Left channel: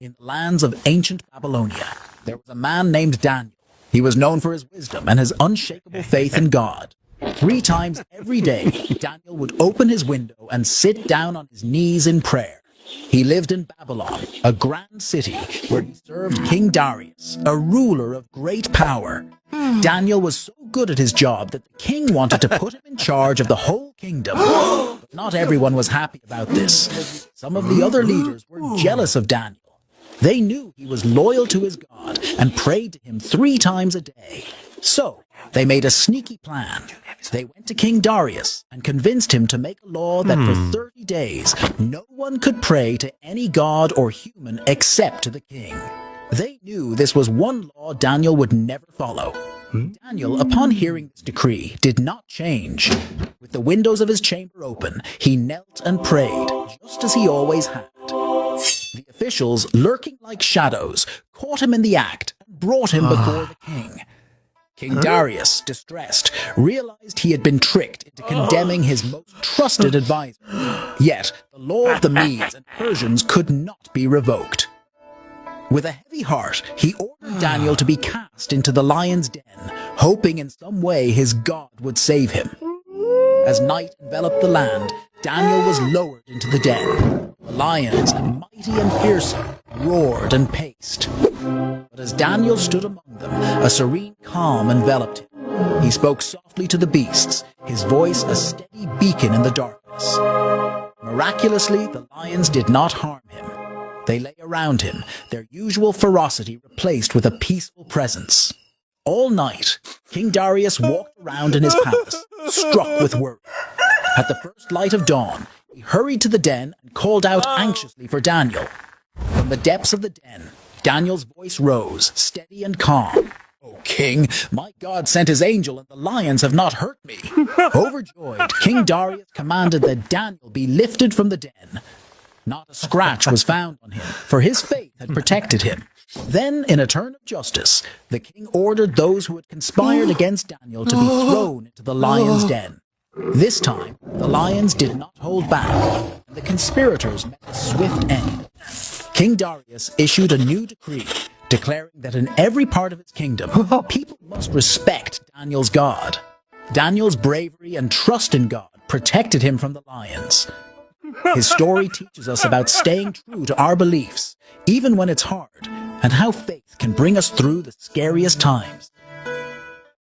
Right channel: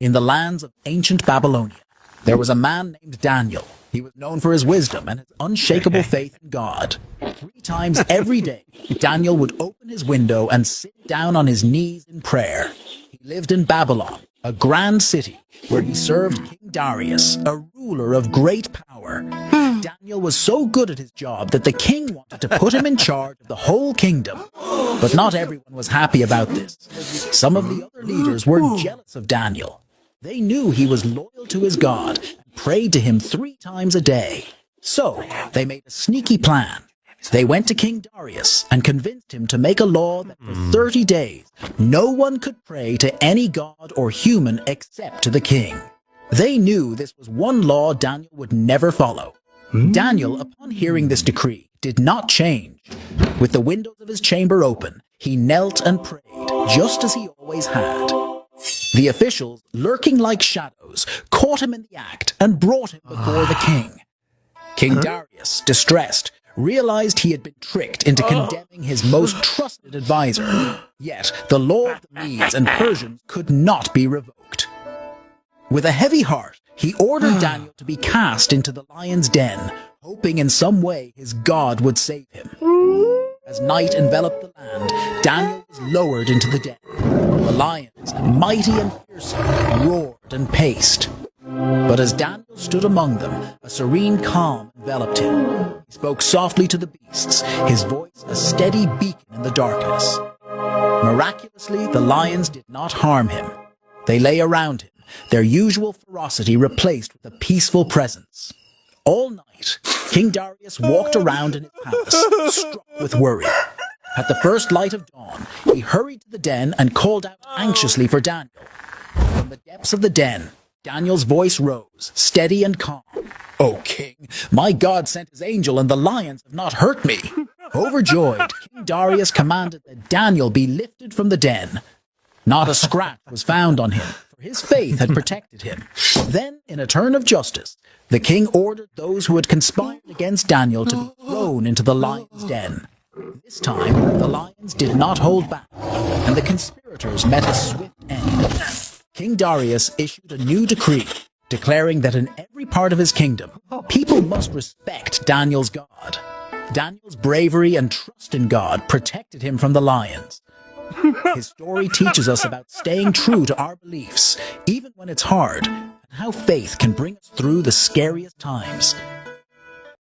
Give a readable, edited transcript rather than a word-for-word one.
In the lands of ancient Babylonia, there was a man named Daniel. He was known for his wisdom and his unshakable faith in God. 3 times every day, Daniel would open his window and sit down on his knees in prayer. He lived in Babylon, a grand city, where he served King Darius, a ruler of great power. Daniel was so good at his job that the king wanted to put him in charge of the whole kingdom. But not everyone was happy about this. Some of the other leaders were jealous of Daniel. They knew he was loyal to his God and prayed to him 3 times a day. So they made a sneaky plan. They went to King Darius and convinced him to make a law that for 30 days, no one could pray to any god or human except to the king. They knew this was one law Daniel would never follow. Daniel, upon hearing this decree, did not change. With the windows of his chamber open, he knelt and prayed, just as he always had. The officials, lurking like shadows, caught him in the act and brought him before the king. King Darius, distressed, realized he had been tricked into condemning his most trusted advisor. Yet the law of the Medes and Persians could not be revoked. With a heavy heart, he ordered Daniel to be cast into the lion's den, hoping in some way his God would save him. As night enveloped the land, Daniel was lowered into the den. The lions, mighty and fearsome, roared and paced. But as Daniel stood among them, a serene calm enveloped him. He spoke softly to the beasts, his voice a steady beacon in the darkness. Miraculously, the lions did not harm him. They lay around him, their usual ferocity replaced with a peaceful presence. All night, King Darius walked around in his palace, struck with worry. At the first light of dawn, he hurried to the den and called out anxiously for Daniel. From the depths of the den, Daniel's voice rose, steady and calm. "O king, my God sent his angel and the lions have not hurt me." Overjoyed, King Darius commanded that Daniel be lifted from the den. Not a scratch was found on him, for his faith had protected him. Then, in a turn of justice, the king ordered those who had conspired against Daniel to be thrown into the lion's den. This time, the lions did not hold back, and the conspirators met a swift end. King Darius issued a new decree, declaring that in every part of his kingdom, people must respect Daniel's God. Daniel's bravery and trust in God protected him from the lions. His story teaches us about staying true to our beliefs, even when it's hard, and how faith can bring us through the scariest times.